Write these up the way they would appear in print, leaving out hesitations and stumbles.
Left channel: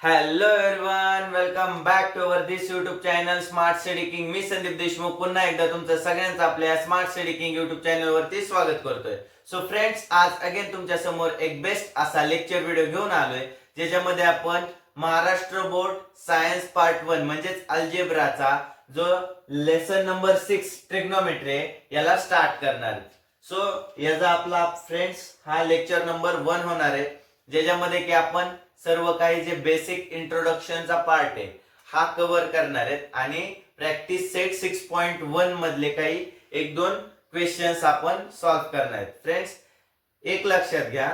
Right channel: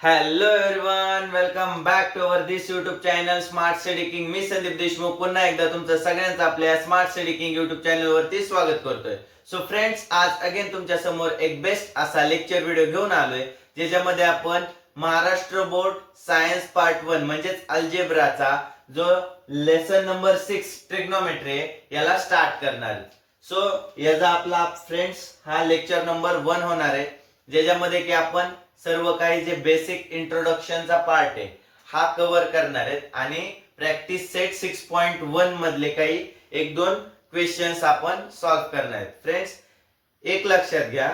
Hello everyone, welcome back to our this YouTube channel Smart Study King. मी संदीप देशमुख पुन्हा एकदा तुमचं सगळ्यांचं आपल्या Smart Study King YouTube channel वरती स्वागत करतोय. सो फ्रेंड्स, आज अगेन तुमच्या समोर एक बेस्ट असा लेक्चर व्हिडिओ घेऊन आलोय, ज्याच्यामध्ये आपण महाराष्ट्र बोर्ड सायन्स पार्ट 1 म्हणजेच अल्जेब्राचा जो लेसन नंबर 6 ट्रिग्नोमेट्री याला स्टार्ट करणार आहे. सो याचा आपला फ्रेंड्स हा लेक्चर नंबर 1 होणार आहे, ज्याच्यामध्ये की आपण सर्व काही जे बेसिक इंट्रोडक्शनचा पार्ट आहे हा कव्हर करणार आहेत आणि प्रॅक्टिस सेट 6.1 मधले काही एक दोन क्वेश्चन्स आपण सॉल्व्ह करणार आहेत. फ्रेंड्स, एक लक्षात घ्या,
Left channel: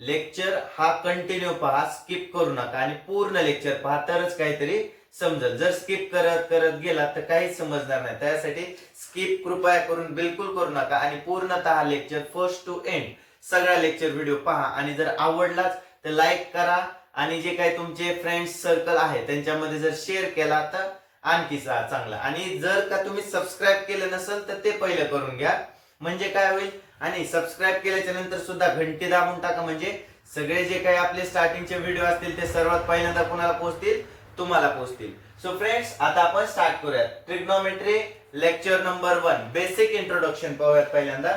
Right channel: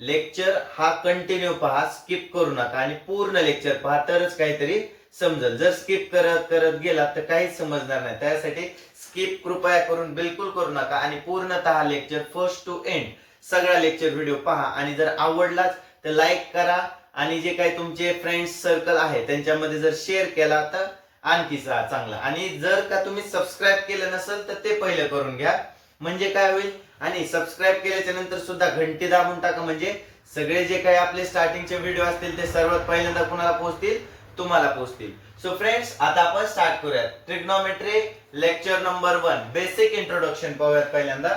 लेक्चर हा कंटिन्यू पहा, स्किप करू नका आणि पूर्ण लेक्चर पहा, तरच काहीतरी समजेल. जर स्किप करत करत गेला तर काहीच समजणार नाही. त्यासाठी स्किप कृपया करून बिलकुल करू नका आणि पूर्णतः लेक्चर फर्स्ट टू एंड सगळा लेक्चर व्हिडिओ पहा. आणि जर आवडलाच तर लाईक करा आणि जे काही तुमचे फ्रेंड्स सर्कल आहे त्यांच्यामध्ये जर शेअर केला तर आणखी चांगला. आणि जर का तुम्ही सबस्क्राईब केलं नसेल तर ते पहिलं करून घ्या, म्हणजे काय होईल. आणि सबस्क्राईब केल्याच्या नंतर सुद्धा घंटी दाबून टाका, म्हणजे सगळे जे काही आपले स्टार्टिंगचे व्हिडिओ असतील ते सर्वात पहिल्यांदा कुणाला पोहोचतील, तुम्हाला पोहोचतील. सो फ्रेंड्स, आता आपण स्टार्ट करूयात. Trigonometry lecture number 1 basic introduction पाहूयात पहिल्यांदा.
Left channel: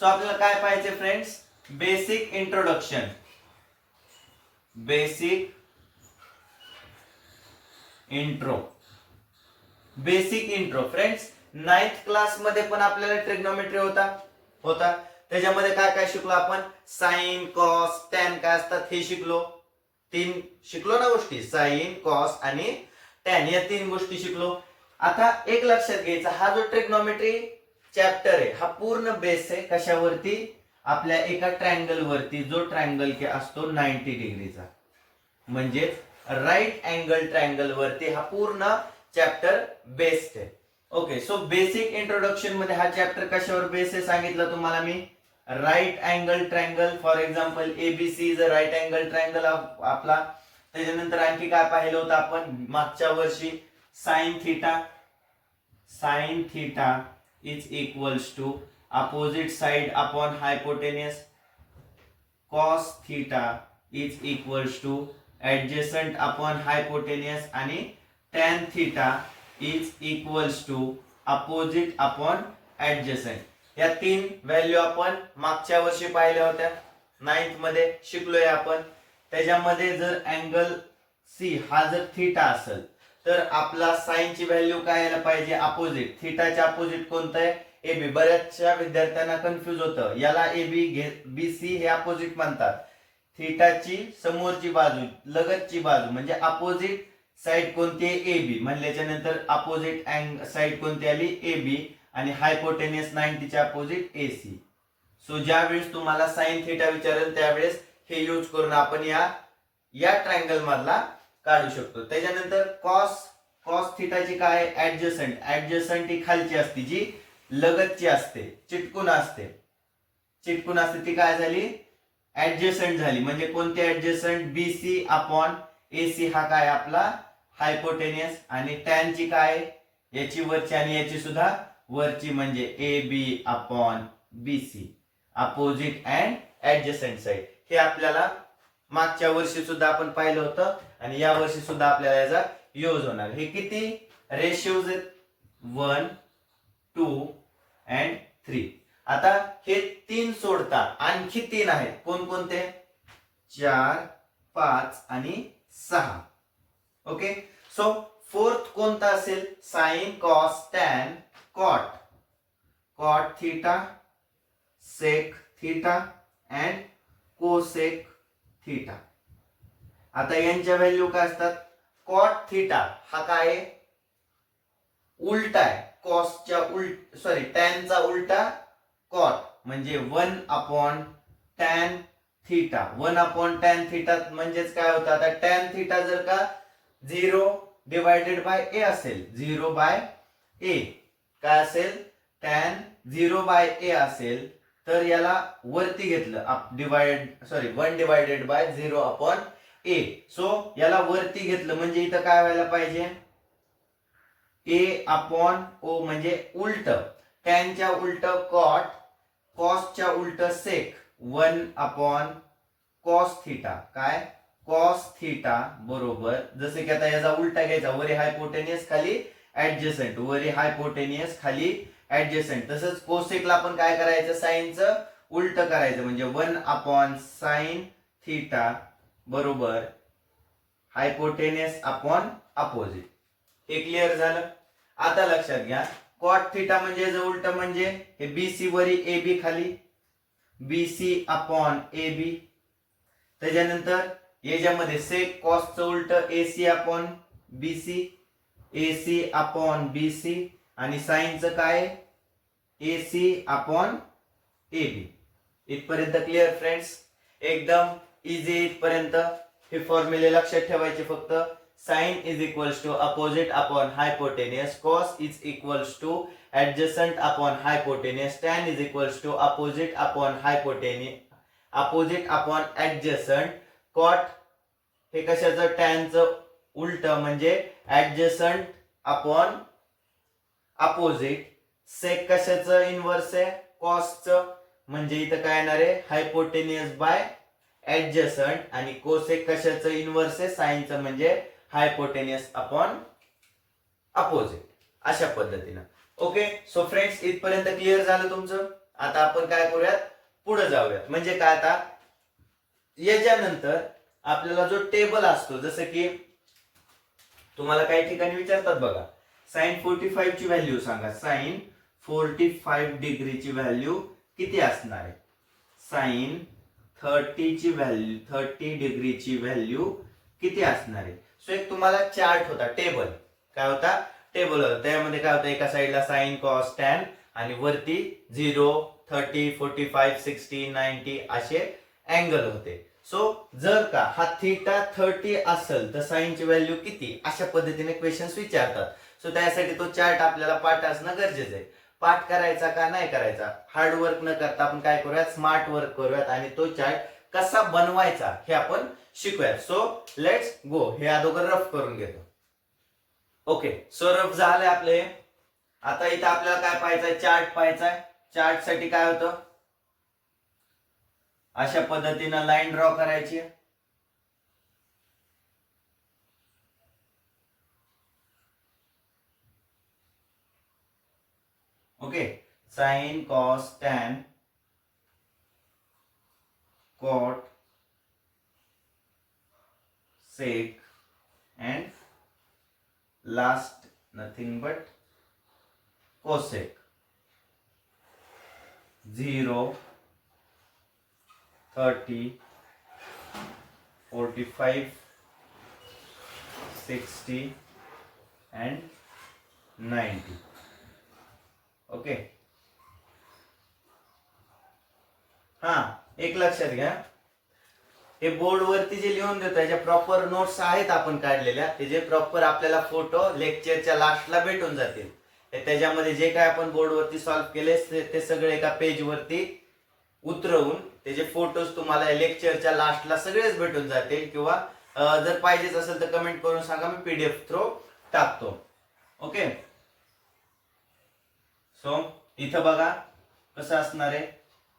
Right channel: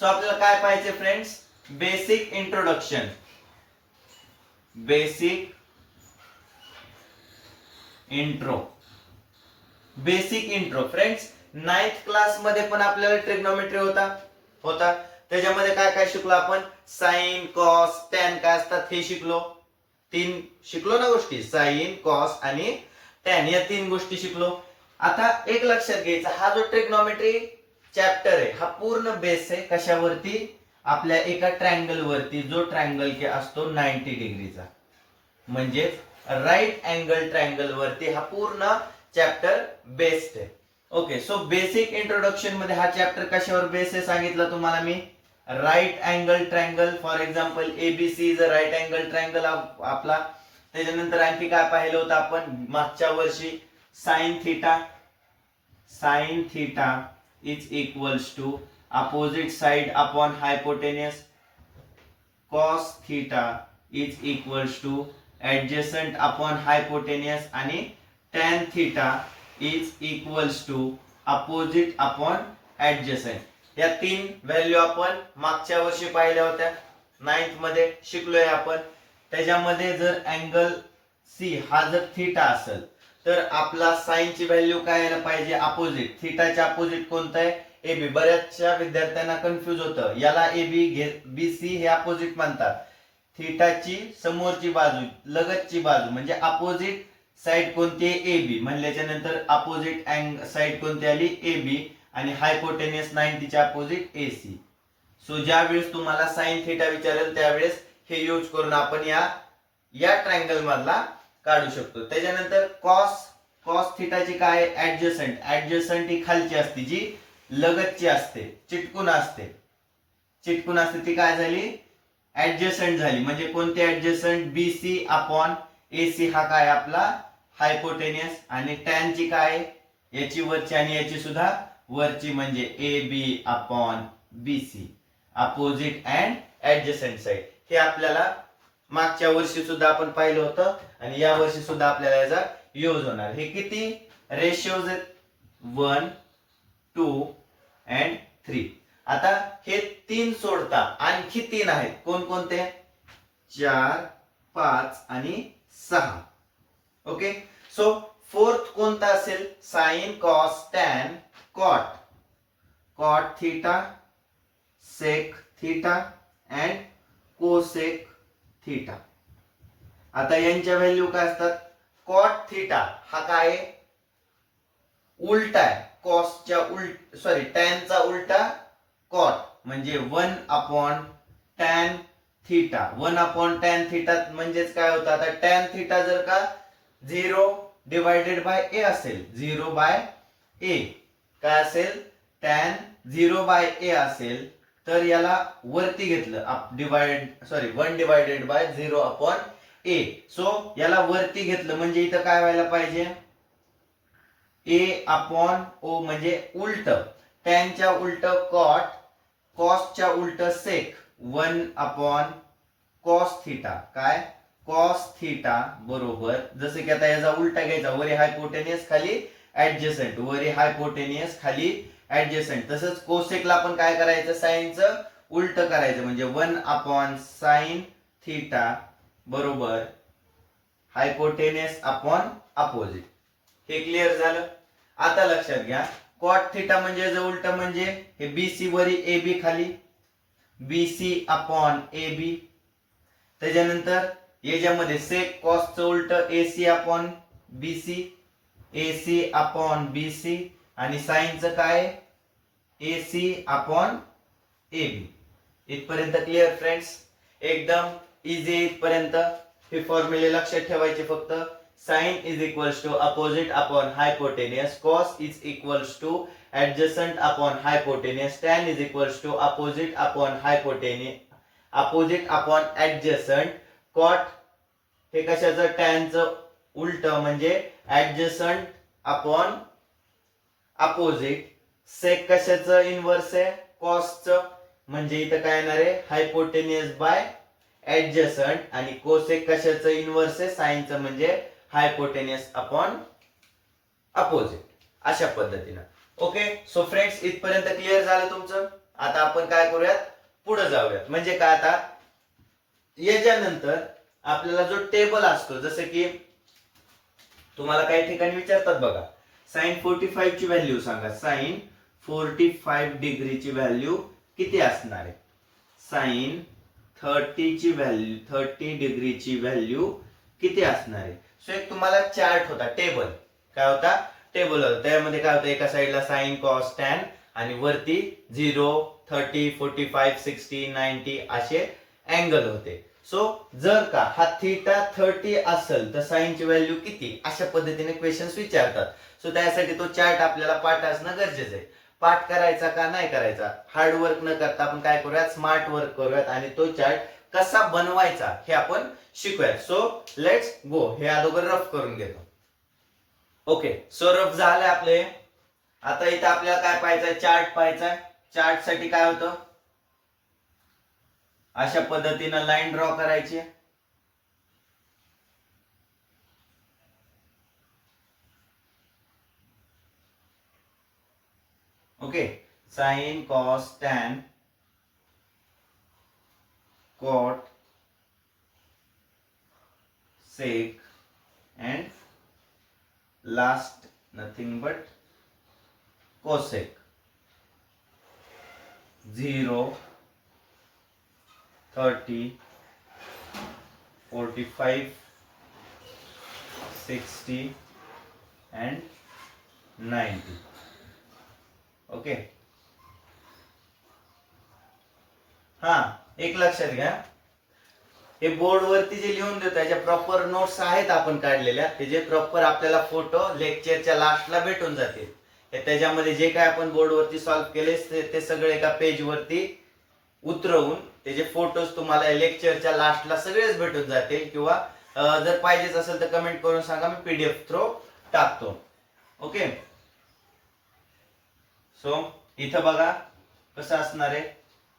सो आपल्याला काय पाहिजे friends? Basic introduction. Basic intro. Basic intro friends, 9th class मध्ये पण आपल्याला ट्रिग्नोमेट्री होता त्याच्यामध्ये काय काय शिकलो आपण? साइन, कॉस, टॅन काय असतात हे शिकलो. 3 शिकलो ना गोष्टी, साइन, कॉस आणि टॅन, या 3 गोष्टी शिकलो. आता एक लक्षात घ्यायचा, हा जो ट्रिग्नोमेट्री चॅप्टर आहे हा पूर्ण बेस आहे कशावरती? आपल्या एका ट्रायंगल वरती, जो ट्रायंगल के असतो 90 डिग्रीचा, म्हणजे राईट अँगल ट्रायंगल वरती हा पूर्ण चॅप्टर बेस्ड आहे. ओके, सो बेसिक इंट्रोडक्शन मध्ये हा चॅप्टर कशावर बेस आहे सांगितलं तुम्हाला मी. Right angle triangle, for example A B C is a right angle triangle आपला. त्याच्यानंतर आणखी काय पाहिलं होतं आपण मागच्या वर्षी? Sine theta is equals to opposite side upon hypotenuse. Cos theta is equals to adjacent upon hypotenuse. आणि tan theta is equals to opposite upon adjacent. या 3 व्हॅल्यू आपण मागच्या वर्षी पाहिल्या होत्या, 9th मध्ये शिकलोय आपण. त्याच्यामध्ये जर अँगल सी हा जर थीटा असेल तर आपला साइन ची व्हॅल्यू काय यायला पाहिजे? अपोजिट. थीटाच्या अपोजिट कोणतं आहे? एबी. बऱ्याचशा विद्यार्थ्यांना कन्फ्युज होतं, याला एबी बीसी हे अपोजिट म्हणतात. थीटाची समोरची बाजू, लगतची बाजू म्हणजे अपोजिट साइड कोणती आहे? एबी. म्हणल्याच्या नंतर अपोजिट साइड कोणती आली? एबी. आणि हायपोटेन्यूस 90 च्या अपोजिट एसी. सो ज्या वेळेस तुम्हाला साइन थीटा विचारेल त्यावेळेस हे यूज करून आपण या ट्रायंगल मधला काढू शकतो. त्याच्यानंतर कॉस थीटाची काय? ऍडजसंट ही खालची असते, जी लगतची असते, चिटकून असते ती काय झाली? ऍडजसंट झाली. म्हणजे कोणते ऍडजसंट? बीसी अपॉन एसी हा काय आपला? हायपोटेन्यूस. आणि टॅन ची काय? याची वरची आणि याची सुद्धा वरची, म्हणजे A B upon BC, opposite and adjacent side. हे आपल्याला मागच्या वर्षी सुद्धा आपण पाहिलं होतं आणि या वर्षी सुद्धा आपल्याला याचा यूज होणार. हे किती रेशियोज आहेत? 1, 2 अँड 3. आता हे 3 सोडता आणखी 3 आहेत. कोणकोणते? 4, 5 आणि 6. ओके, सो फोर्थ कोणता असेल? Sine, cos, tan, cot theta, sec theta and cosec theta. आता यांच्या व्हॅल्यू काय असतात? कॉट थीटा हा काय? उलटा आहे कॉसच्या टॅनचा उलटा कॉट, म्हणजे 1 upon tan theta. 1 upon tan theta म्हणजेच काय होतं? आता टॅन थीटा जर का 0 डिवायडेड बाय ए असेल, 0 बाय ए काय असेल? टॅन 0 बाय ए असेल तर याला वरती घेतलं, 1 divided by 0 upon A. So याला वरती घेतलं म्हणजे इथं काय व्हायला पाहिजे? ए अपॉन ओ, म्हणजे उलट. टॅनच्या उलट कॉट, कॉसच्या उलट सेक. 1 अपॉन कॉस थीटा काय? कॉस थिटा बरोबर, जसे की आता याचा उलटा घ्यायचा, वरी हायपोटेनियस खाली ऍडजसंट, वरी हायपोटेनियस खाली ऍडजसंट. तसंच कोसेकला आपण काय करायचं, साइनचं उलट करायचं, म्हणजे 1/sin थिटा बरोबर हायपोटेनियस अपॉन अपोजिट. हे क्लिअर झालं. आता लक्षात घ्या, कॉट थिटा म्हणजे जे उलट, म्हणजे हे बीसी वरी एबी खाली बीसी अपॉन एबी. त्याच्यानंतर याच्यामध्ये सेक कॉसचं उलट AC upon BC, AC upon BC, आणि साइनचं काय एसी अपॉन एबी. इथपर्यंत क्लिअर फ्रेंड्स, एकदम इझी. इथपर्यंत हे फॉर्म्युले लक्षात ठेवायचे फक्त. Sine is equals to opposite upon hypotenuse, cos is equals to adjacent upon hypotenuse, tan is equals to opposite upon hypotenuse, opposite upon adjacent, cot हे कशाचं, टॅनचं उलट म्हणजे adjacent upon opposite, sec कशाचं इनव्हर्स आहे, कॉसचं, म्हणजे इथं काय येणार आहे हायपोटेनियस बाय adjacent, आणि कोसेक कशाचं इनव्हर्स आहे, साइनचं, म्हणजे हायपोटेनियस अपॉन अपोजिट. अशा पद्धतीनं. ओके, सो फ्रेंड्स इथपर्यंत क्लिअर झालं तुमचं. आता आपण काय करूयात, पुढे जाऊयात. म्हणजे काय, आता याच्यानंतर आपल्याला जो टेबल असतो, जसं की तुम्हाला काही ठिकाणी विचारतात बघा, साइन 45 ची व्हॅल्यू सांगा. साइन 45 डिग्रीची व्हॅल्यू किती असणार आहे, साइन 30 ची व्हॅल्यू, 30 डिग्रीची व्हॅल्यू किती असणार आहे. सो एक तुम्हाला चार्ट होता, टेबल काय होता, टेबल होतं. त्यामध्ये काय होतं, एका साईडला साइन कॉस टॅन आणि वरती 0, 30, 45, 60, 90 असे अँगल होते. सो जर का हा थिटा 30 असेल तर साइनची व्हॅल्यू किती, अशा पद्धतीने क्वेश्चन्स विचारतात. सो त्यासाठी तो चार्ट आपल्याला पाठ असणं गरजेचं आहे. पाठ करायचा का नाही करायचा, हार्ड वर्क न करता आपण काय करूयात, स्मार्ट वर्क करूयात आणि तो चार्ट कसा बनवायचा हे आपण शिकूयात. So let's go. हे अगोदर रफ करून घेतो. ओके, सो रफ झाले आपले. आता इथं आपल्याला काय पाहायचंय, चार्ट पाहायचाय. चार्ट साठी काय होतं, अशा पद्धतीनं लाईन ड्रॉ करायची. Okay, sine cos tan cot sec and last nothing but cosec. 0, 30, 45, 60 and 90. Okay, हा एक लक्षात घ्या, हे बोर्ड वरती जे लिहून देतो त्याच्या प्रॉपर नोट्स आहेत आपण काढलेल्या, ते जे प्रॉपर आपल्याला फोटो लेक्चरच्या लास्टला भेटून जातील. त्याच्यामध्ये जे काय आपण बोर्ड वरती सॉल्व्ह केले ते सगळे एका पेज वरती उतरवून त्याचे फोटोज तुम्हाला लेक्चरच्या लास्टला सगळेच भेटून जातील. किंवा जर पाहिजेच असेल तर कमेंट करून सांगा, मी पीडीएफ थ्रू टाकतो. ओके, सो इथं बघा कसं असणार आहे.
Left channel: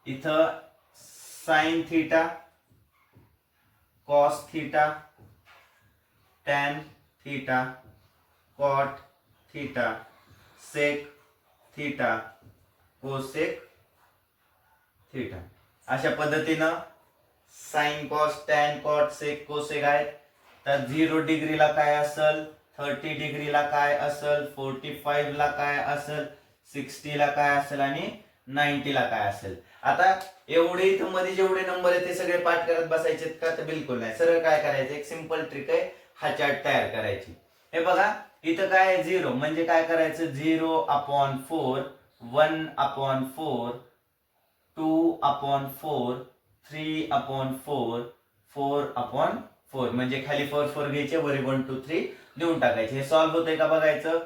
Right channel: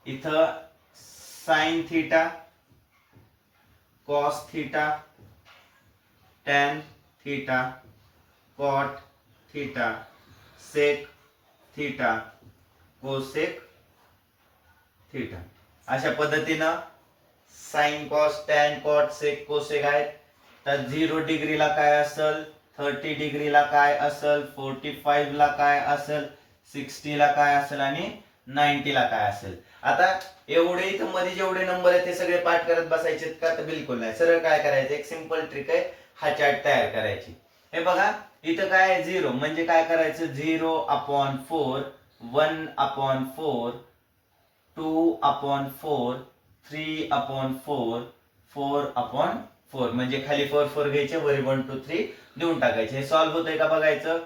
इथं sine theta, cos theta, tan theta, cot theta, sec theta, cosec theta, अशा पद्धतीनं sine cos tan cot sec cosec आहेत. तर 0 डिग्रीला काय असेल, 30 डिग्रीला काय असेल, 45 ला काय असेल, 60 ला काय असेल आणि 90 ला काय असेल. आता एवढे इथं मध्ये जेवढे नंबर आहेत ते सगळे पाठ करत बसायचे का, तर बिलकुल नाही. सरळ काय करायचं, एक सिंपल ट्रिक आहे, हा चार्ट तयार करायची. हे बघा इथं काय आहे, 0 म्हणजे काय करायचं, 0/4, 1/4, 2/4, 3/4, 4/4, म्हणजे खाली 4 4 घ्यायचे, वरी 1 2 3 देऊन टाकायचे. हे सॉल्व्ह होतंय का बघायचं.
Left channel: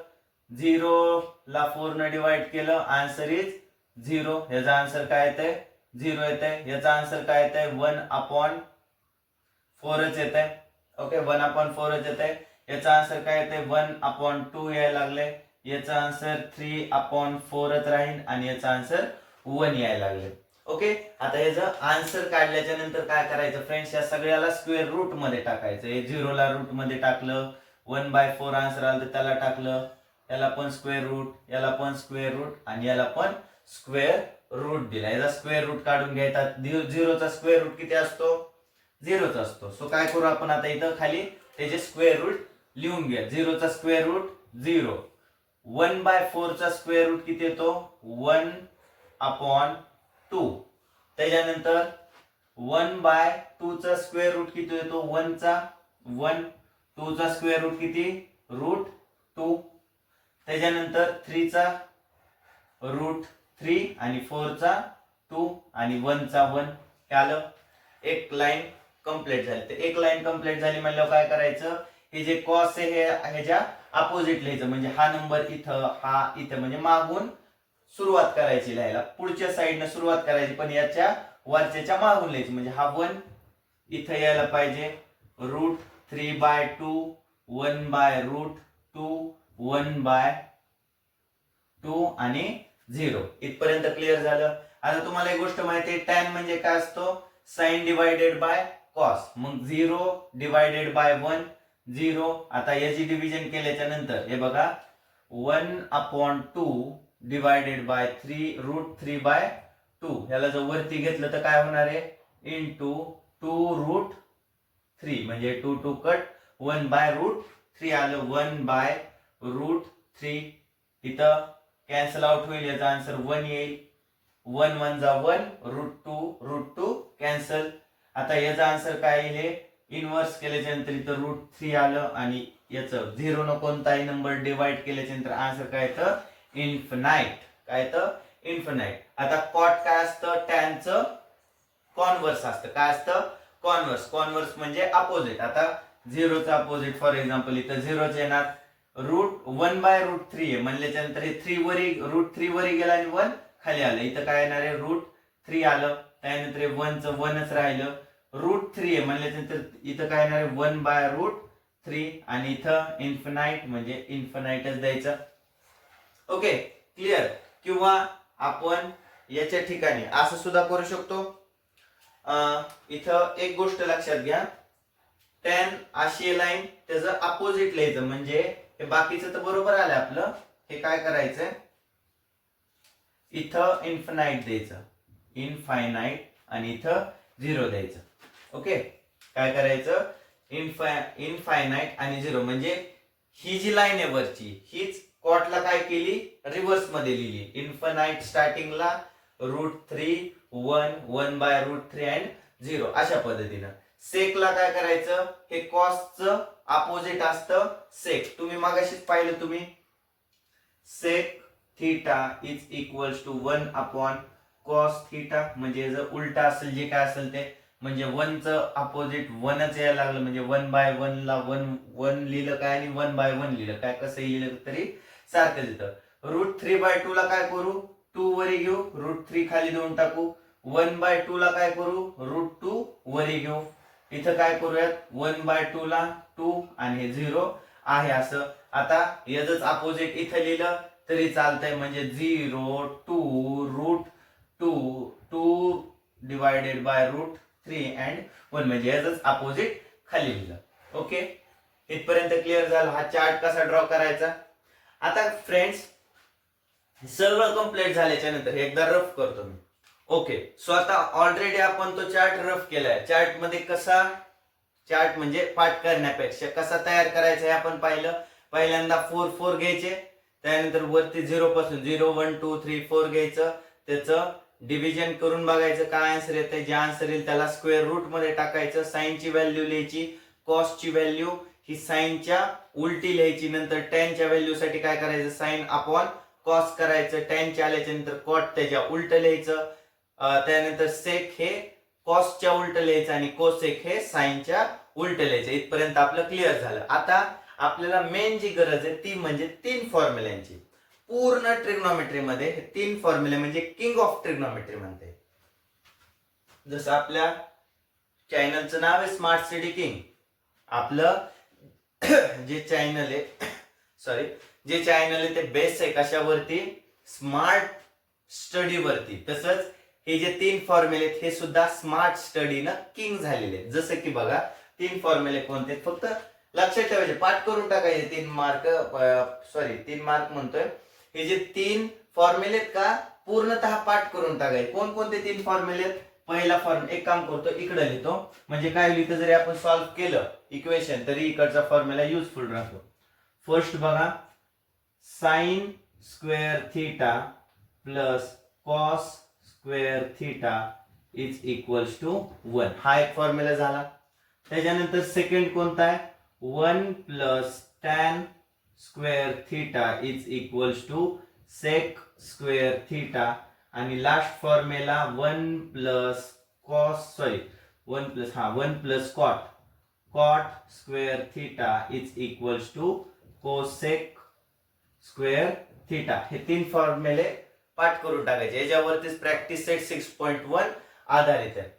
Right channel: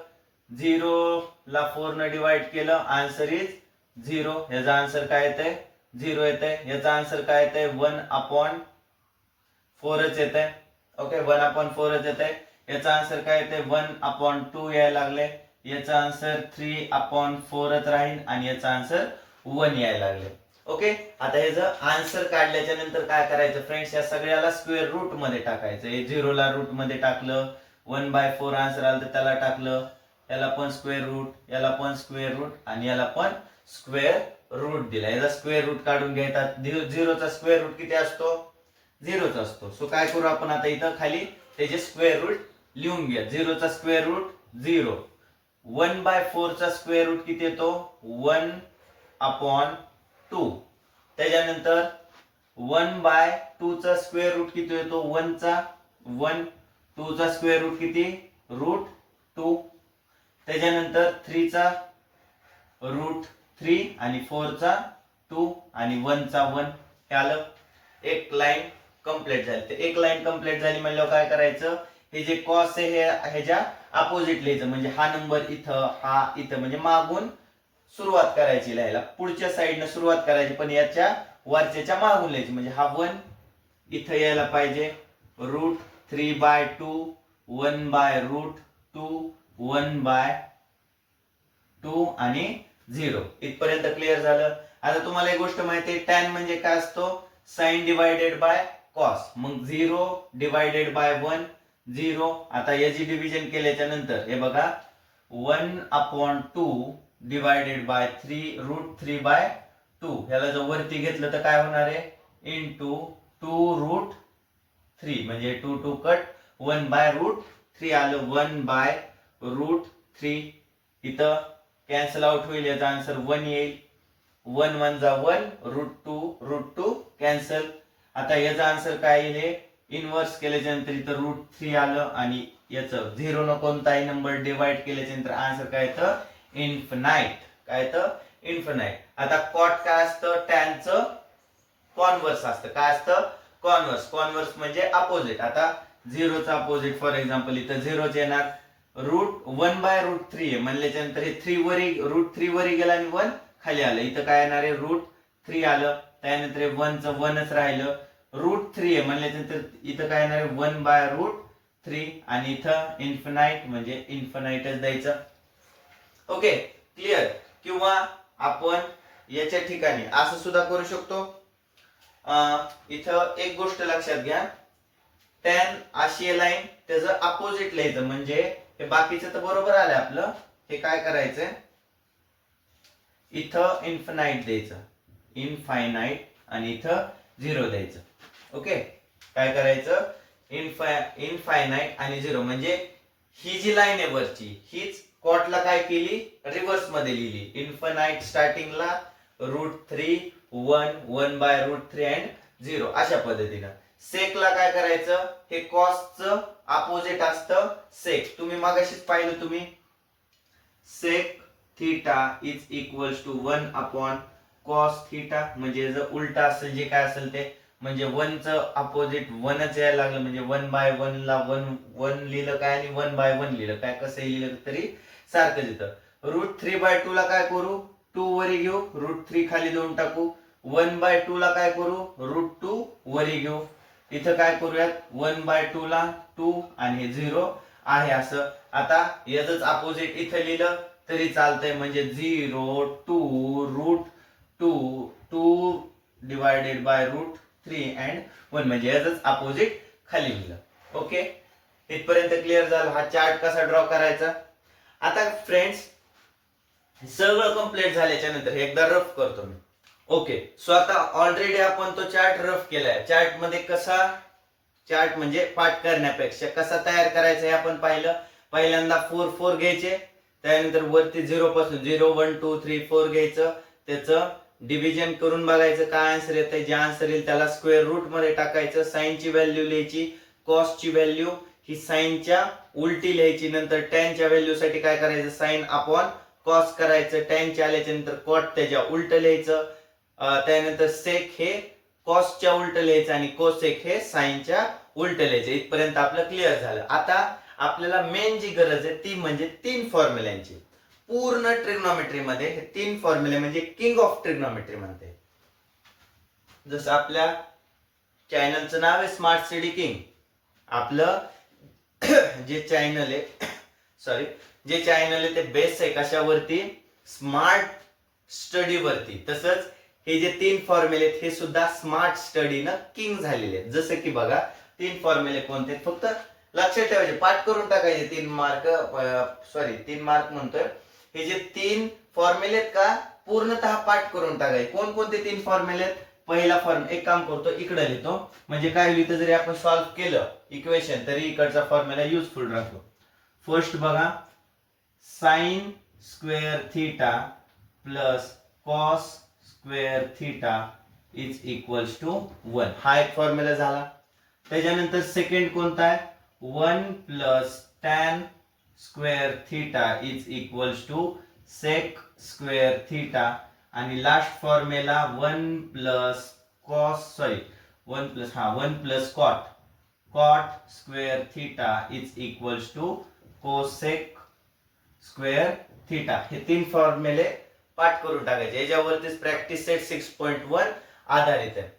0 ला 4 ने डिवाइड केलं, आन्सर इज 0. याचा आन्सर काय येतंय, 0 येतंय. याचा आन्सर काय येतंय, 1/4च येतंय. ओके, 1/4च येतंय. याचा आन्सर काय येतंय, 1/2 यायला लागले. याचा आन्सर 3/4च राहील आणि याचा आन्सर 1 यायला लागले. ओके, आता ह्याचं आन्सर काढल्याच्या नंतर काय करायचं फ्रेंड्स, या सगळ्याला स्क्वेअर रूट मध्ये टाकायचं. हे 0 ला रूट मध्ये टाकलं, 1/4 आन्सर आलं तर त्याला टाकलं, याला पण स्क्वेअर रूट, याला पण स्क्वेअर रूट आणि याला पण स्क्वेअर रूट दिला. याचा स्क्वेअर रूट काढून घ्यायचा. 0चा स्क्वेअर रूट किती असतो? 0च असतो. सो काय करू आपण आता, इथं खाली त्याचे स्क्वेअर रूट लिहून घ्या. 0चा स्क्वेअर रूट 0, 1/4 चा स्क्वेअर रूट किती येतो? 1/2. त्याच्यानंतर 1/2 चा स्क्वेअर रूट किती येतो? 1 चा 1, 2 चा स्क्वेअर रूट किती? रूट 2. त्याच्यानंतर 3 चा रूट 3 आणि 4 चा 2 आणि 1 चा 1. हे आलं. एक लाईन कंप्लीट झाली. तर एक लाईन कंप्लीट झाली म्हणल्यावर काय करायचं, हे जे कॉस आहे हे ह्याच्या अपोजिट लिहायचं. म्हणजे हा नंबर इथं, हा इथं, म्हणजे मागून सुरुवात करायची लिहायला. पुढच्या साईडने सुरुवात करायची पण याच्या वरच्याच्या मागून लिहायची. म्हणजे हा 1 इथं यायला पाहिजे. रूट 3/2, 1/√2, 1/2 आणि 0. इथपर्यंत क्लिअर झालं. आता तुम्हाला एक गोष्ट माहिती आहे, टॅन म्हणजे काय असतो? Sine divided by cos. मग 0 डिवायडेड बाय 1, 0. आता याची डिव्हिजन केल्याच्या नंतर हे बघा, 1/2 डिवायडेड बाय 3, रूट 3/2. ह्याला जर वरती घेतलं तर काय होणार आहे? इंटू 2√3, म्हणजे 2 2 कट, 1/√3 आलं. 1/√3 इथं कॅन्सल आउट होईल, याचा आन्सर 1 येईल. 1 1 जा 1, √2 कॅन्सल. आता याचा आन्सर काय येईल? इनवर्स केल्याच्या नंतर इथं √3 आलं आणि याचं 0 न कोणताही नंबर डिवाइड केल्याच्या नंतर आन्सर काय येतं? इन्फिनाइट. काय येतं? इन्फिनाइट. आता कॉट काय असतं? टॅनचं कॉन्व्हर्स असतं. काय असतं? कॉन्व्हर्स. कॉन्व्हर्स म्हणजे अपोजिट. आता 0चा अपोजिट फॉर एक्झाम्पल इथं 0च येणार. रूट 1/√3 आहे म्हणल्याच्या नंतर हे 3 वरी, √3 वरी गेला आणि 1 खाली आलं. इथं काय येणार आहे? √3 आलं. त्यानंतर 1चं 1च राहिलं. √3 आहे म्हणल्याच्या नंतर इथं काय येणार आहे? 1/√3 आणि इथं इन्फिनाइट म्हणजे इन्फिनाइटच द्यायचं. Okay, clear. किंवा आपण याच्या ठिकाणी असं सुद्धा करू शकतो. इथं एक गोष्ट लक्षात घ्या, टॅन अशी लाईन त्याचं अपोजिट लिहायचं. म्हणजे हे बाकीचं तर बरोबर आलं आपलं. हे काय करायचंय, इथं इन्फिनाइट द्यायचं, इनफायनाइट, आणि इथं 0 द्यायचं. ओके, काय करायचं? इनफायनाइट आणि 0. म्हणजे ही जी लाईन आहे वरची, हीच कॉटला काय केली? रिव्हर्स मध्ये लिहिली. इन्फिनाइट स्टार्टिंगला, √3, 1, 1/√3 अँड 0 अशा पद्धतीनं. सेकला काय करायचं? हे कॉसचं अपोजिट असतं सेक. तुम्ही मागाशीच पाहिलं तुम्ही, sec theta is equals to 1/cos theta. म्हणजे जर उलटा असेल, जे काय असेल ते, म्हणजे 1चं अपोजिट 1च यायला लागलं, म्हणजे 1/1 ला 1 लिहिलं काय आणि 1/1 लिहिलं काय, कसं लिहिलं तरी सारखं येतं. √3/2 ला काय करू? 2 वरी घेऊ, √3 खाली देऊन टाकू. 1/2 ला काय करू? √2 वरी घेऊ. इथं काय करूयात? 1/2 ला 2 आणि हे 0 आहे असं. आता याच अपोजिट इथं लिहिलं तरी चालतंय. म्हणजे 0, 2, √2 डिवायडेड बाय √3 अँड 1, म्हणजे याच अपोजिट खाली लिहिलं. ओके, इथपर्यंत क्लिअर झालं. हा चार्ट कसा ड्रॉ करायचा? आता फ्रेंड्स, सगळं कंप्लीट झाल्याच्या नंतर एकदा रफ करतो मी. ओके, सो आता ऑलरेडी आपण तो चार्ट रफ केलाय. चार्ट मध्ये कसा, चार्ट म्हणजे पाठ करण्यापेक्षा कसा तयार करायचा हे आपण पाहिलं. पहिल्यांदा 4 4 घ्यायचे, त्यानंतर वरती 0 पासून 0 1 2 3 4 घ्यायचं, त्याचं डिव्हिजन करून बघायचं काय आन्सर येतंय. जे आन्सर येईल त्याला स्क्वेअर रूट मध्ये टाकायचं. साइनची व्हॅल्यू लिहायची, कॉसची व्हॅल्यू ही साइनच्या उलटी लिहायची. नंतर टॅनच्या व्हॅल्यू साठी काय करायचं? साइन अपॉन कॉस करायचं. टॅनच्या आल्याच्या नंतर कॉट त्याच्या उलट लिहायचं. त्यानंतर सेक हे कॉसच्या उलट लिहायचं आणि कोसेक हे साइनच्या उलट लिहायचं. इथपर्यंत आपलं क्लिअर झालं. आता आपल्याला मेन जी गरज आहे ती म्हणजे 3 फॉर्म्युल्यांची. पूर्ण ट्रिग्नोमेट्री मध्ये हे 3 फॉर्म्युले म्हणजे किंग ऑफ ट्रिग्नोमेट्री म्हणते. जसं आपल्या चॅनलचं नाव आहे स्मार्ट स्टडी किंग. आपलं जे चॅनल आहे, जे चॅनल आहे ते बेस आहे कशावरती? स्मार्ट स्टडी वरती. तसंच हे जे 3 फॉर्म्युले आहेत हे सुद्धा स्मार्ट स्टडीनं किंग झालेले आहेत. जसं की बघा 3 फॉर्म्युले कोणते, फक्त लक्षात ठेवायचे, पाठ करून टाकायचे. 3 मार्क म्हणतोय. हे जे 3 फॉर्म्युले आहेत का पूर्णतः पाठ करून टाकायचे. कोणकोणते 3 फॉर्म्युले आहेत? पहिला फॉर्म्युला, एक काम करतो इकडे लिहितो, म्हणजे काय लिहितो जरी आपण सॉल्व्ह केलं इक्वेशन तरी इकडचा फॉर्म्युला युजफुल राहतो. फर्स्ट बघा, sine square theta plus cos square theta is equals to 1. हा एक फॉर्म्युला झाला. त्याच्यानंतर सेकंड कोणता आहे? 1 plus tan square theta is equals to sec square theta. आणि last formula 1 plus cot square theta is equals to cosec square theta. हे 3 फॉर्म्युले पाठ करून टाकायचे. याच्यावरतीच प्रॅक्टिस सेट 6.1 आधारित आहे.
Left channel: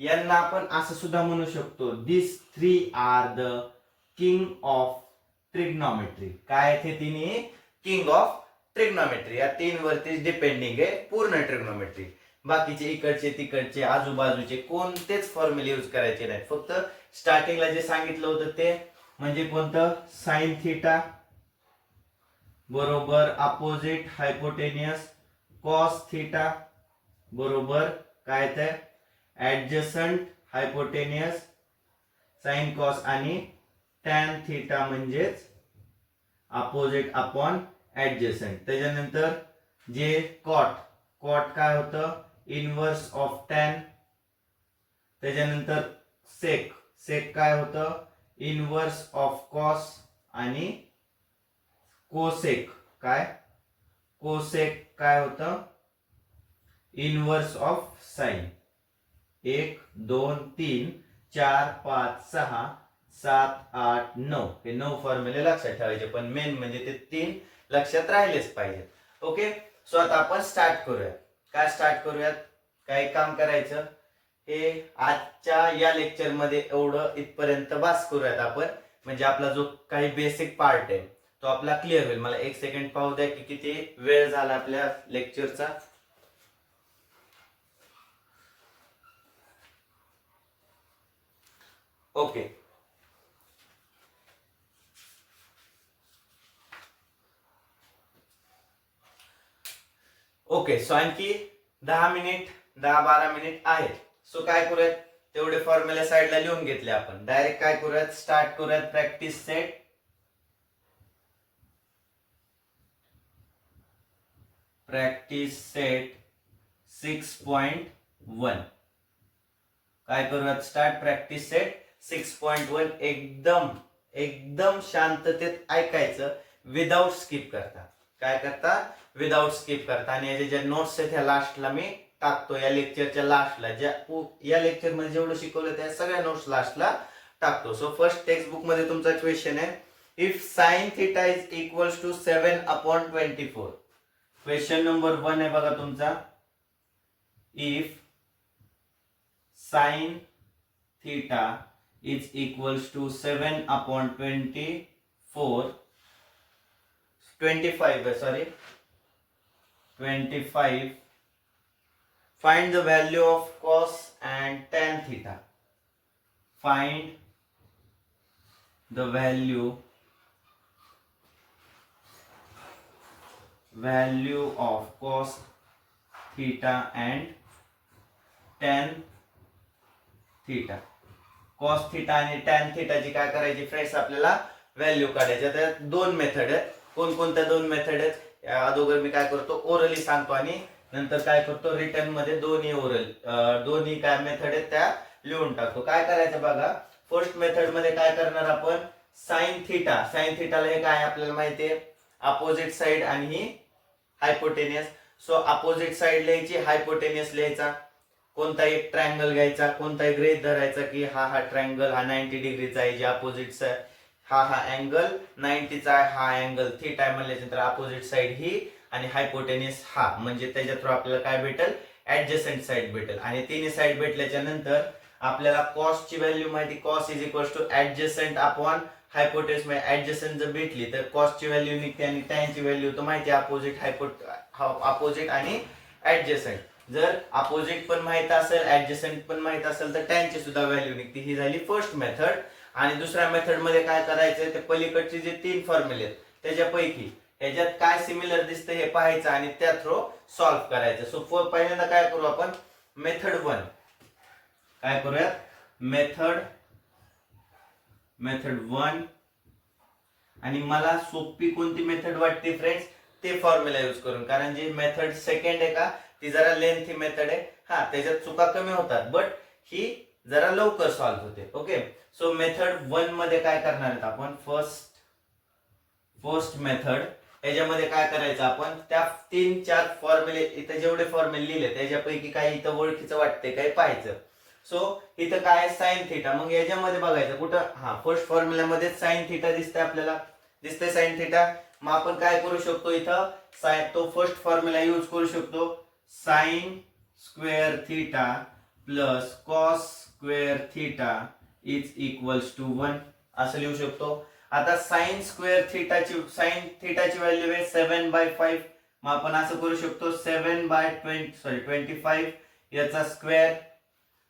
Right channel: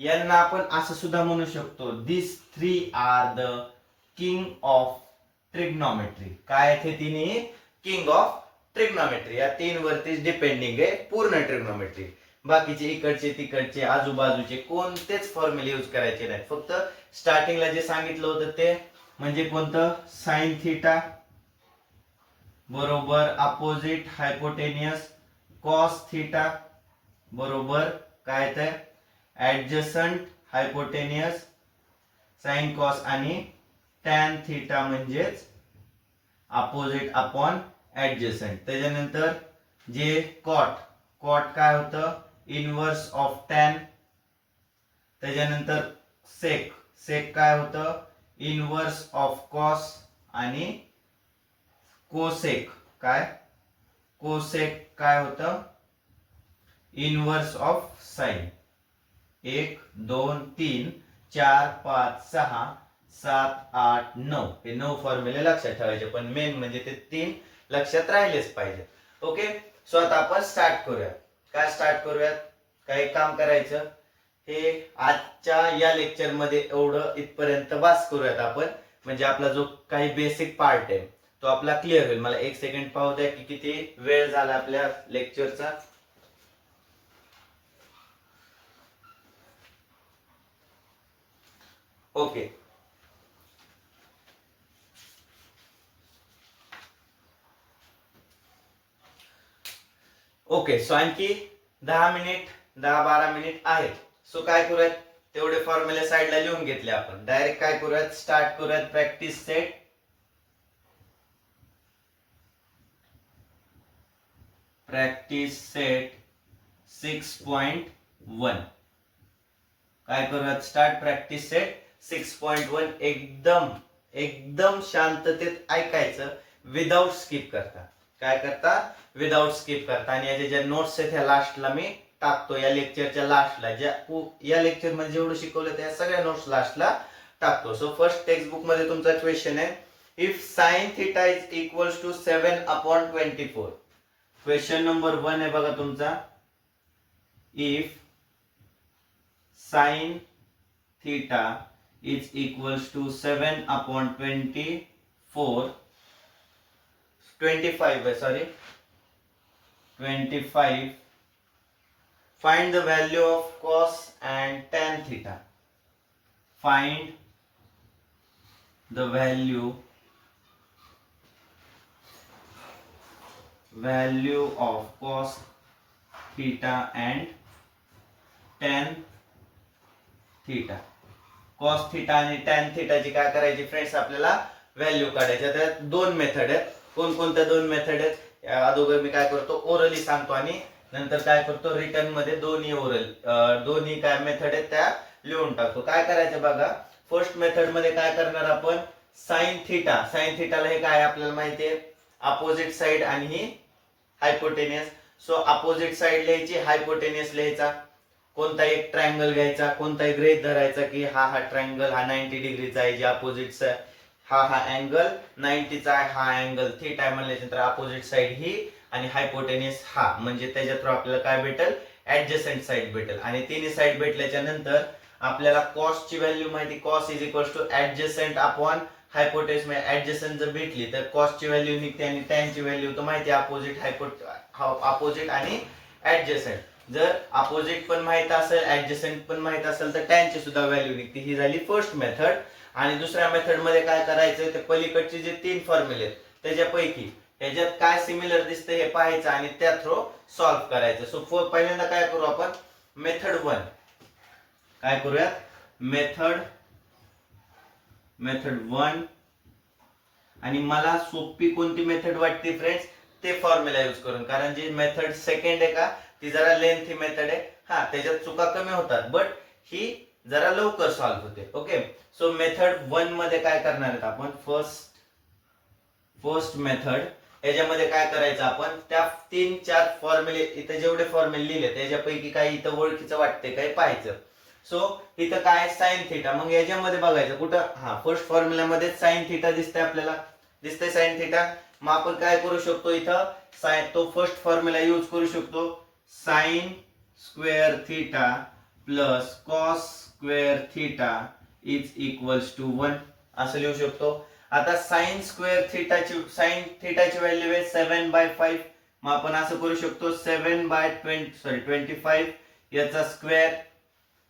यांना आपण असं सुद्धा म्हणू शकतो, this 3 are the king of trigonometry. काय आहेत हे तिन्ही? King of trigonometry. या 3 वरतीच डिपेंडिंग आहे पूर्ण ट्रिग्नॉमेट्री. बाकीचे इकडचे तिकडचे आजूबाजूचे कोणतेच फॉर्म्युले यूज करायचे नाहीत. फक्त स्टार्टिंगला जे सांगितलं होतं ते म्हणजे कोणतं? साइन थीटा बरोबर अपोजिट हायपोटेनियस, कॉस थीटा बरोबर काय ते ऍडजसंट हायपोटेनियस, साइन कॉस, आणि टॅन थीटा म्हणजेच अपोजिट अपॉन ऍडजसंट. त्याच्यानंतर जे कॉट काय होतं? Inverse of tan. त्याच्यानंतर सेक काय होतं? Inverse of cos. आणि कोसेक काय होतं? Inverse of sine. 1 2 3 4 5 6 7 8 9 हे 9 फॉर्म्युले लक्षात ठेवायचे. पण मेन म्हणजे ते 3 लक्षात राहिलेच पाहिजे. ओके, सो आता आपण स्टार्ट करूया. काय स्टार्ट करूयात? काय काम करायचं? हे आजच्या या लेक्चर मध्ये एवढं इथपर्यंत बस करूयात आपण, म्हणजे आपला जो काही बेसिक पार्ट आहे तो आपला क्लिअर होईल. मला 1 सेकंड पाहू द्या की किती वेळ झाला आपल्या लेक्चरचा. ओके, सो आणखी 10-12 मिनिट आहेत. सो काय करूयात? तेवढे फॉर्म्युले साइडला लिहून घेतले आपण. डायरेक्ट काय करूयात? स्टार्ट करूयात प्रॅक्टिस सेट. Practice set 6.1. काय करूयात? Start practice set 6.1. एकदम शांततेत ऐकायचं, विदाउट स्किप करता. काय करता? विदाउट स्किप करता. आणि याचे ज्या नोट्स आहेत ह्या लास्टला मी टाकतो. या लेक्चरच्या लास्टला या लेक्चर मध्ये जेवढं शिकवलं त्या सगळ्या नोट्स लास्टला टाकतो. सो फर्स्ट टेक्स्ट बुक मध्ये तुमचा क्वेश्चन आहे, if sine theta is equals to 7/24. Question number 1 आहे बघा तुमचा. If sine theta is equals to 7/24 25. Find the value of cos and tan theta. Find the value of cos theta and tan theta. cos theta आणि tan theta ची काय करायची friends? आपल्याला value काढायची. आता 2 मेथड आहेत. कोणकोणत्या 2 मेथड आहेत? अगोदर मी काय करतो? ओरली सांगतो आणि नंतर काय करतो? रिटर्न मध्ये दोन्ही काय मेथड आहेत त्या लिहून टाकतो. काय करायचं बघा. फर्स्ट मेथड मध्ये काय करणार आपण? साइन थीटाला हे काय आपल्याला माहिती आहे? अपोजिट साइड आणि ही हायपोटेनियस. सो अपोजिट साइड लिहायची, हायपोटेनियस लिहायचा. कोणता एक ट्रायंगल घ्यायचा, कोणता एक गृहीत धरायचा की हा ट्रायंगल हा 90 डिग्रीचा आहे, जे अपोजिट हा अँगल 90चा आहे, हा अँगल थीटा आहे म्हणल्यानंतर अपोजिट साइड ही आणि हायपोटेनियस हा, म्हणजे त्याच्या थ्रू आपल्याला काय भेटेल? ऍडजसंट साइड भेटेल. आणि तिन्ही साइड भेटल्याच्या नंतर आपल्याला कॉस ची व्हॅल्यू माहिती, cos is equals to adjacent upon hypotenuse. म्हणजे ऍडजसंट जर भेटली तर कॉस ची व्हॅल्यू निघते आणि टॅन ची व्हॅल्यू तर माहिती अपोजिट आणि ऍडजसंट. जर अपोजिट पण माहित असेल ऍडजसंट पण माहित असेल तर टॅनची सुद्धा व्हॅल्यू निघते. ही झाली फर्स्ट मेथड. आणि दुसऱ्या मेथड मध्ये काय करायचंय, ते पलीकडचे जे 3 फॉर्म्युले आहेत त्याच्यापैकी ह्याच्यात काय सिमिलर दिसतं हे पाहायचं आणि त्या थ्रो सॉल्व्ह करायचं. सो पहिल्यांदा काय करू आपण, मेथड 1 काय करूया, मेथड 1. आणि मला सोपी कोणती मेथड वाटते फ्रेंड्स, ते फॉर्म्युला यूज करून. कारण जी मेथड सेकंड आहे का, ती जरा लेंथी मेथड आहे. हा, त्याच्यात चुका कमी होतात, बट ही जरा लवकर सॉल्व्ह होते. ओके, सो मेथड 1 मध्ये काय करणार आहेत आपण, फर्स्ट मेथड. याच्यामध्ये काय करायचं आपण, त्या 3-4 फॉर्म्युले इथे जेवढे फॉर्म्युले लिहिले त्याच्यापैकी काही इथं ओळखीचं वाटते काय पाहायचं. सो इथं काय साइन थिटा, मग याच्यामध्ये बघायचं कुठं, हा फर्स्ट फॉर्म्युला मध्ये साइन थिटा दिसतंय आपल्याला, दिसतंय साइन थिटा. मग आपण काय करू शकतो इथं, तो फर्स्ट फॉर्म्युला यूज करू शकतो, sine square theta plus cos square theta is equals to 1 असं लिहू शकतो. आता साइन थिटाची व्हॅल्यू आहे 7/5. मग आपण असं करू शकतो 7/25 याचा स्क्वेअर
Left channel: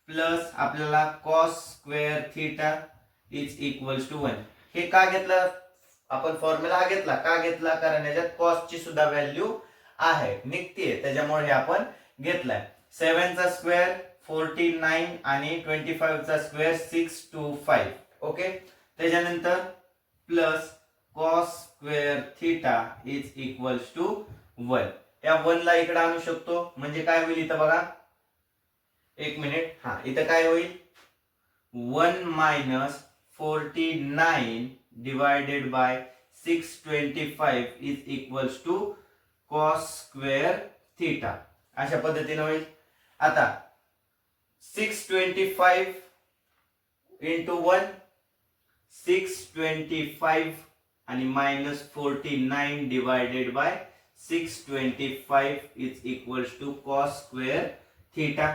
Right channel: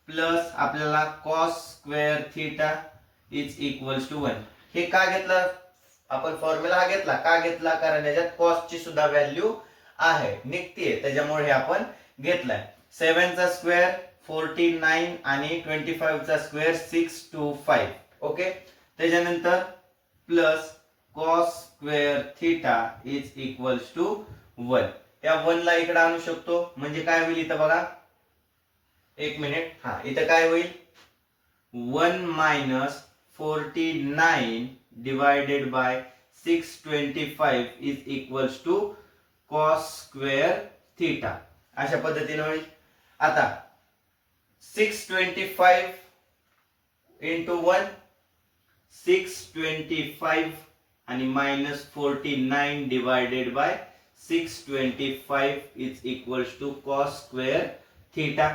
प्लस आपल्याला cos square theta is equals to 1. हे का घेतलं आपण फॉर्म्युला, हा घेतला का घेतला, कारण याच्यात कॉस ची सुद्धा व्हॅल्यू आहे, निघते, त्याच्यामुळे हे आपण घेतलाय. 7 चा स्क्वेअर 49 आणि 25 चा स्क्वेअर 625. ओके, त्याच्यानंतर plus cos square theta is equals to 1. या 1 ला इकडे आणू शकतो, म्हणजे काय होईल इथं बघा, एक मिनिट, हा इथं काय होईल, 1 minus 49 divided by 625 is equals to cos square theta, अशा पद्धतीने होईल. आता 625 इंटू 1 625 आणि minus 49 divided by 625 is equals to cos square theta.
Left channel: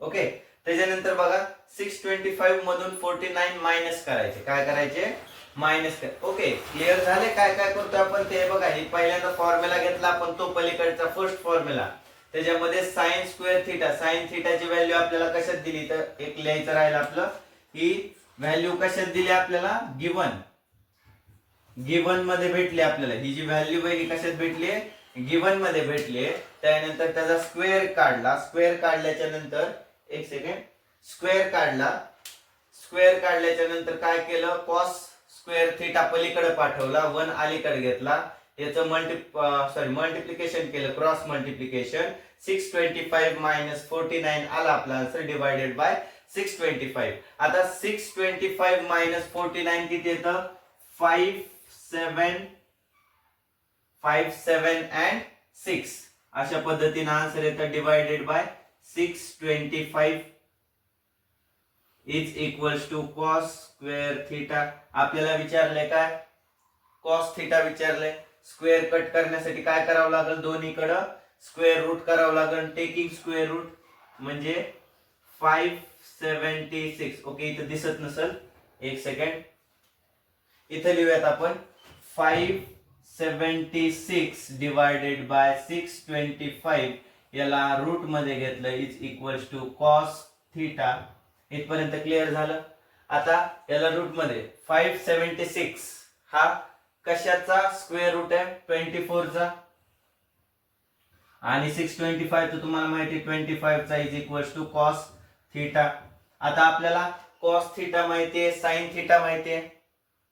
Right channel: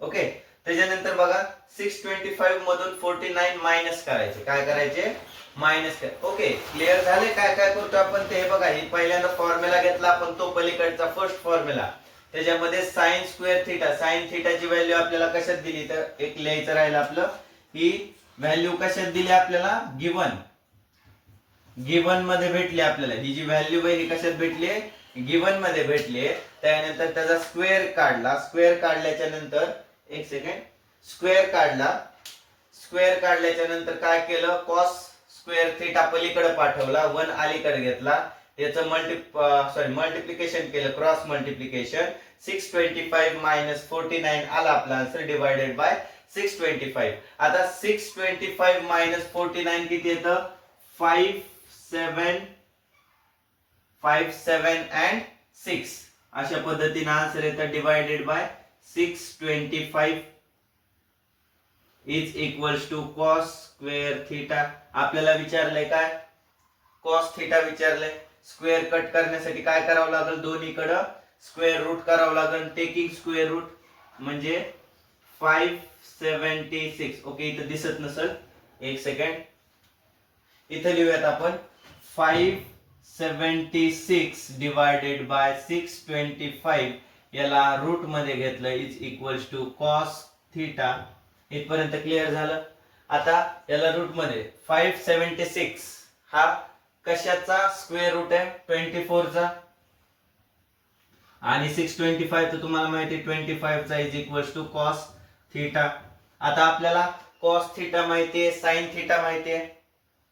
Okay, त्याच्यानंतर बघा 625 मधून 49 मायनस करायचे, काय करायचे, मायनस कर. ओके, क्लिअर झाले काय काय करतो आपण ते बघा. ही पहिल्यांदा फॉर्म्युला घेतला आपण, तो पलीकडचा फर्स्ट फॉर्म्युला, त्याच्यामध्ये साइन स्क्वेअर थिटा, साइन थिटाची व्हॅल्यू आपल्याला कशात दिली, तर एक लिहायचं राहिलं आपलं, ही व्हॅल्यू कशात दिली आपल्याला, गिवन मध्ये भेटली आपल्याला. ही जी व्हॅल्यू आहे ही कशात भेटली, गिवन मध्ये भेटली. त्यानंतर त्याचा स्क्वेअर काढला, स्क्वेअर काढल्याच्या नंतर एक सेकंड, स्क्वेअर काढल्याच्या नंतर काय केलं, कॉस स्क्वेअर थिटा पलीकडे पाठवला, 1 अलीकडे घेतला, याचं मल्टिप्लिकेशन केलं, क्रॉस मल्टिप्लिकेशन. 625 मायनस 49 आला आपला आन्सर, डिवायडेड बाय 625. आता 625 मायनस 49 किती येतं, 5 7 and 6 अशा पद्धतीने आन्सर येतं, divided by 625 is equals to cos square theta. आपल्याला विचारलंय काय, कॉस थिटा विचारलंय. स्क्वेअर कट करण्यासाठी काय करावं लागेल, दोन्हीकडे स्क्वेअर रूट करावं लागेल, टेकिंग स्क्वेअर रूट, म्हणजे 576. ओके, इथं दिसत नसेल, एक सेकंड, इथं लिहूयात आपण 576 डिवायडेड बाय 625, याला रूट मध्ये घेतलं, is equals to cos theta. इथपर्यंत क्लिअर झालं. आता याला रूट मध्ये 576 हा कशाचा स्क्वेअर रूट आहे, 24 चा, आणि 625 तर तुम्हाला माहिती 25 चा, is equals to cos theta. आता आपल्याला कॉस थिटा माहितीये, साइन थिटा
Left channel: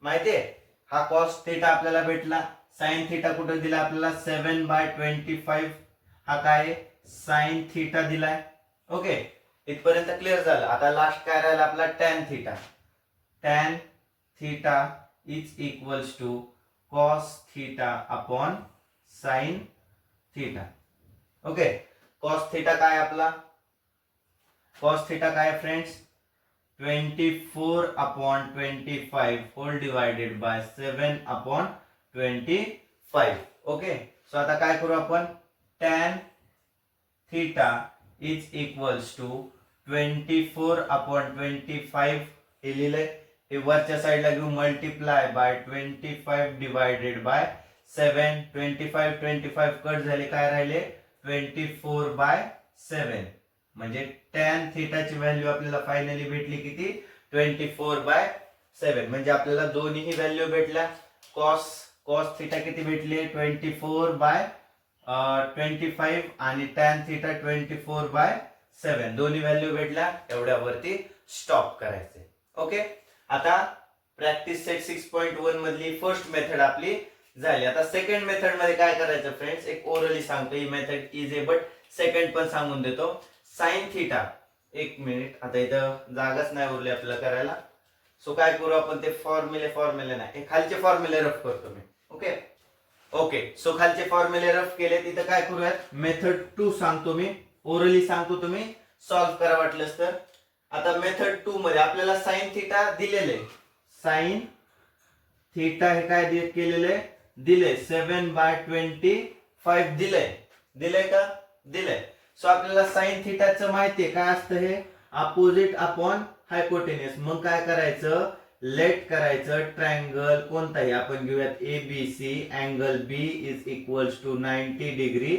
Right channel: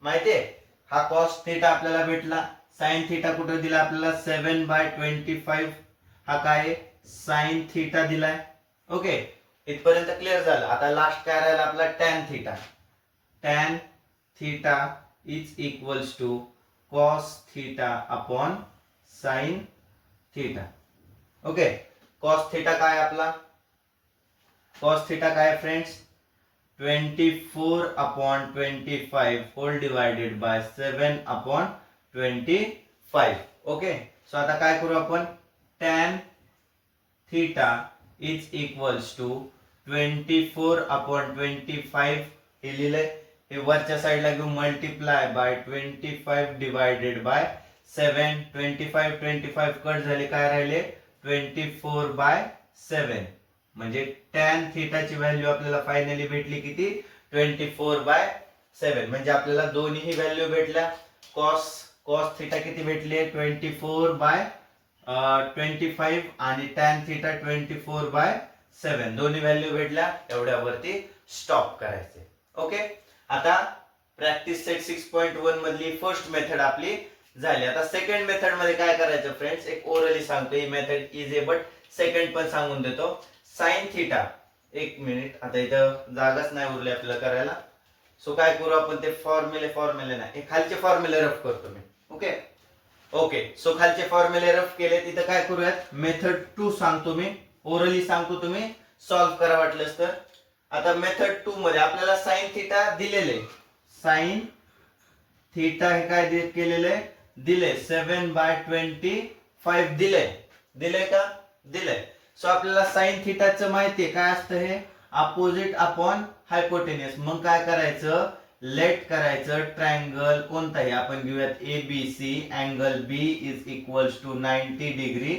माहितीये. हा कॉस थिटा आपल्याला भेटला, साइन थिटा कुठे दिला आपल्याला, 7/25, हा काय साइन थिटा दिलाय. ओके, इथपर्यंत क्लिअर झालं. आता लास्ट काय राहिला आपला, tan theta is equals to cos theta upon sine theta. Okay, cos theta काय आपला, कॉस थिटा काय friends, 24/25 whole divided by 7/25. Okay, so आता काय करू आपण, tan theta is equals to 24/25 हे लिहिलंय, हे वरच्या साईडला घेऊ, multiply by 25 divided by 7. 25 cut झाले, काय राहिले 24/7. 7 म्हणजे tan थीटाची व्हॅल्यू आपल्याला फायनली भेटली किती 24/7 म्हणजे आपल्याला दोन्ही व्हॅल्यू भेटल्या. cos थीटा किती भेटली 24/25 आणि tan थीटा 24/7 दोन्ही व्हॅल्यू भेटल्या. एवढ्यावरती स्टॉप करायचे. ओके, आता प्रॅक्टिस सेट 6.1 मधली फर्स्ट मेथड आपली झाली. आता सेकंड मेथड मध्ये काय करायचं फ्रेंड्स, एक ओरली सांगतो. ही मेथड इझी बट सेकंड पण सांगून देतो. साइन थीटा, एक मिनिट, आता इथं जागाच नाही उरली आपल्याला करायला. सो काय करू आपण, ते फॉर्म्युले नाही, हे खालचे फॉर्म्युले रफ करतो मी. ओके, सो खालचे फॉर्म्युले रफ केले. तिथं काय करूयात, मेथड 2 सांगतो मी, ओरली सांगतो, तुम्ही सॉल्व्ह करा वाटलंच तर. आता मेथड 2 मध्ये आपल्याला साइन थीटा दिलेले, साइन थीटा हे काय केलेले दिले 7/25 दिले का, दिलंय. सो आपल्याला साइन थीटाचं माहितीये काय असतं, हे अपोजिट अपॉन हायपोटेनियस. मग काय करायचं, लेट करायचं ट्रायंगल कोणताही आपण घेऊयात ABC, angle B is equals to 90 degree,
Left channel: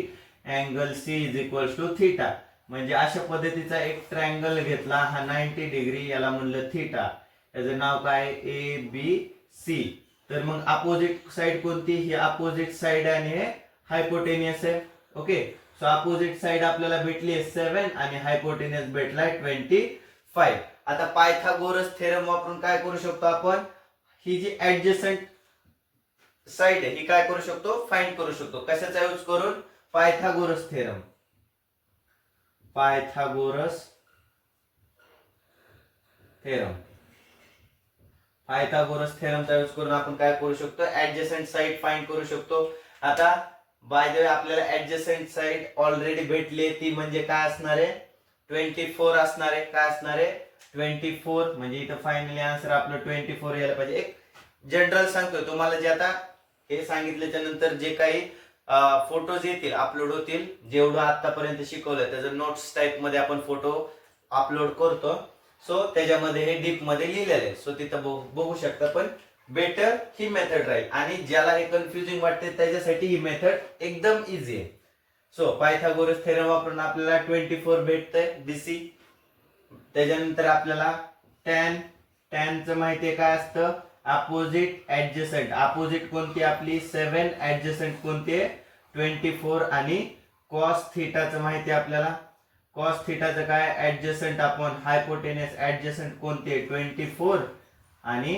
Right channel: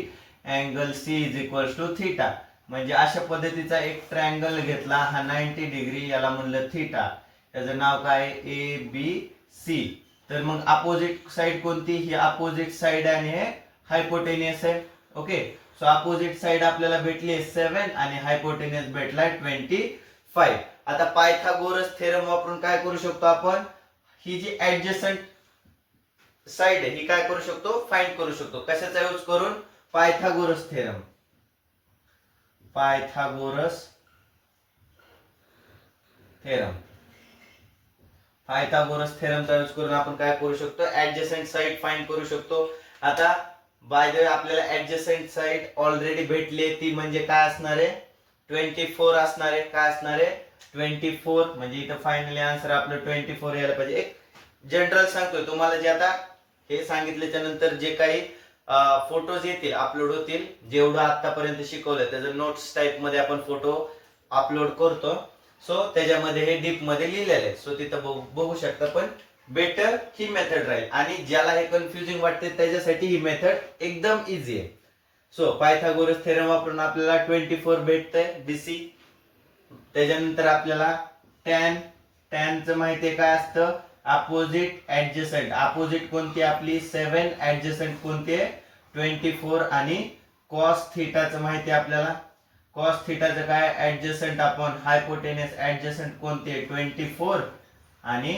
angle C is equals to theta. म्हणजे अशा पद्धतीचा एक ट्रायंगल घेतला, हा 90 डिग्री, याला म्हणलं थीटा, त्याचं नाव काय ABC. तर मग अपोजिट साइड कोणती, ही अपोजिट साइड आणि हे हायपोटेनियस आहे. ओके, सो अपोजिट साइड आपल्याला भेटली 7 आणि हायपोटेनियस भेटलाय 25. आता पायथागोरस थेरम वापरून काय करू शकतो आपण, ही जी ऍडजसंट साइड आहे ही काय करू शकतो, फाइंड करू शकतो. कशाचा यूज करून, पायथागोरस थेरम. पायथागोरस थेरमचा यूज करून आपण काय करू शकतो, ऍडजसंट साइड फाइंड करू शकतो. आता बाय द वे आपल्याला ऍडजसंट साइड ऑलरेडी भेटली, ती म्हणजे काय असणार आहे 24 असणार आहे. काय असणार आहे 24, म्हणजे इथं फायनली आन्सर आपलं 24 यायला पाहिजे. एक जनरल सांगतोय तुम्हाला, जे आता हे सांगितल्याच्या नंतर जे काही फोटोज येतील, अपलोड होतील, जेवढं आतापर्यंत शिकवलंय त्याचं नोट्स टाइप मध्ये आपण फोटो अपलोड करतो. सो त्याच्यामध्ये हे डीप मध्ये लिहिलेलं आहे. सो तिथं बघू शकता. पण बेटर ही मेथड राहील, आणि ज्याला हे कन्फ्युजिंग वाटते त्याच्यासाठी ही मेथड एकदम इझी आहे. सो पायथागोरस थेरम वापरून आपल्याला 24 भेटतंय BC. त्याच्यानंतर आपल्याला टॅनचं माहितीये काय असतं, अपोजिट ऍडजसंट. अपोजिट कोणती आपली 7, ऍडजसंट कोणती 24, आणि कॉस थीटाचं माहिती आपल्याला. कॉस थीटाचं काय, ऍडजसंट अपॉन हायपोटेनियस. ऍडजसंट कोणते 24 आणि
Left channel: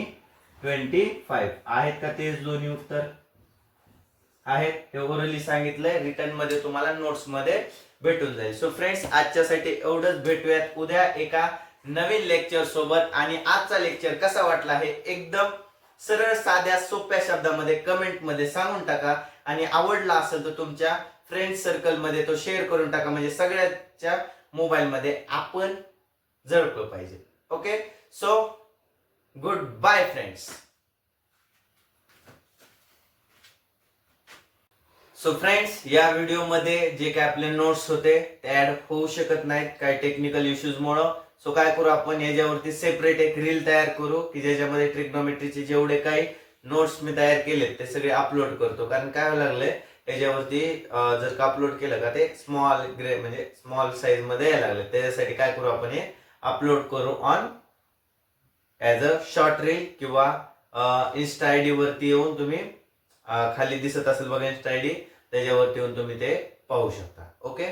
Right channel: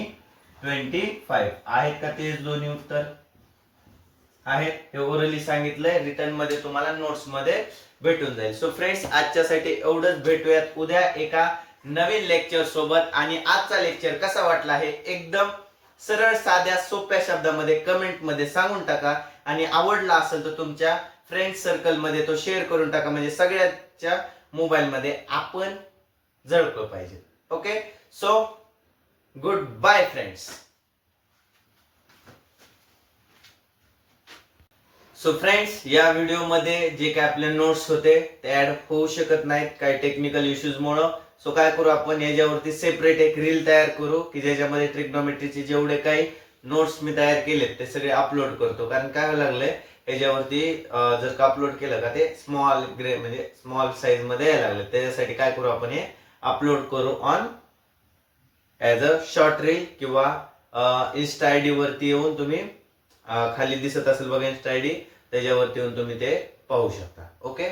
25. आहेत का तेच दोन्ही उत्तर आहेत. हे ओरली सांगितलंय, रिटर्न मध्ये तुम्हाला नोट्स मध्ये भेटून जाईल. सो फ्रेंड्स, आजच्यासाठी एवढंच. भेटूयात उद्या एका नवीन लेक्चर सोबत. आणि आजचा लेक्चर कसा वाटला हे एकदम सरळ साध्या सोप्या शब्दामध्ये कमेंट मध्ये सांगून टाका. आणि आवडला असेल तर तुमच्या फ्रेंड सर्कल मध्ये तो शेअर करून टाका, म्हणजे सगळ्यांच्या मोबाईल मध्ये आपण झळकलो पाहिजे. Okay, so good bye friends. So friends, या व्हिडिओ मध्ये जे काय आपले नोट्स होते ते ऍड होऊ शकत नाहीत काही टेक्निकल इश्यूज मुळे. सो काय करू आपण, याच्यावरती सेपरेट एक रील तयार करू की ज्याच्यामध्ये ट्रिग्नोमेट्रीचे जेवढे काही नोट्स मी तयार केलेत ते सगळे अपलोड करतो. कारण काय लागलंय, याच्यावरती जर का अपलोड केलं का ते स्मॉल म्हणजे स्मॉल साईज मध्ये यायला लागलं. त्याच्यासाठी काय करू आपण, हे अपलोड करू on as a short reel, किंवा इन्स्टा आयडी वरती येऊन तुम्ही खाली दिसत असेल बघा इन्स्टा आयडी, त्याच्यावरती येऊन तुम्ही ते पाहू शकता. ओके.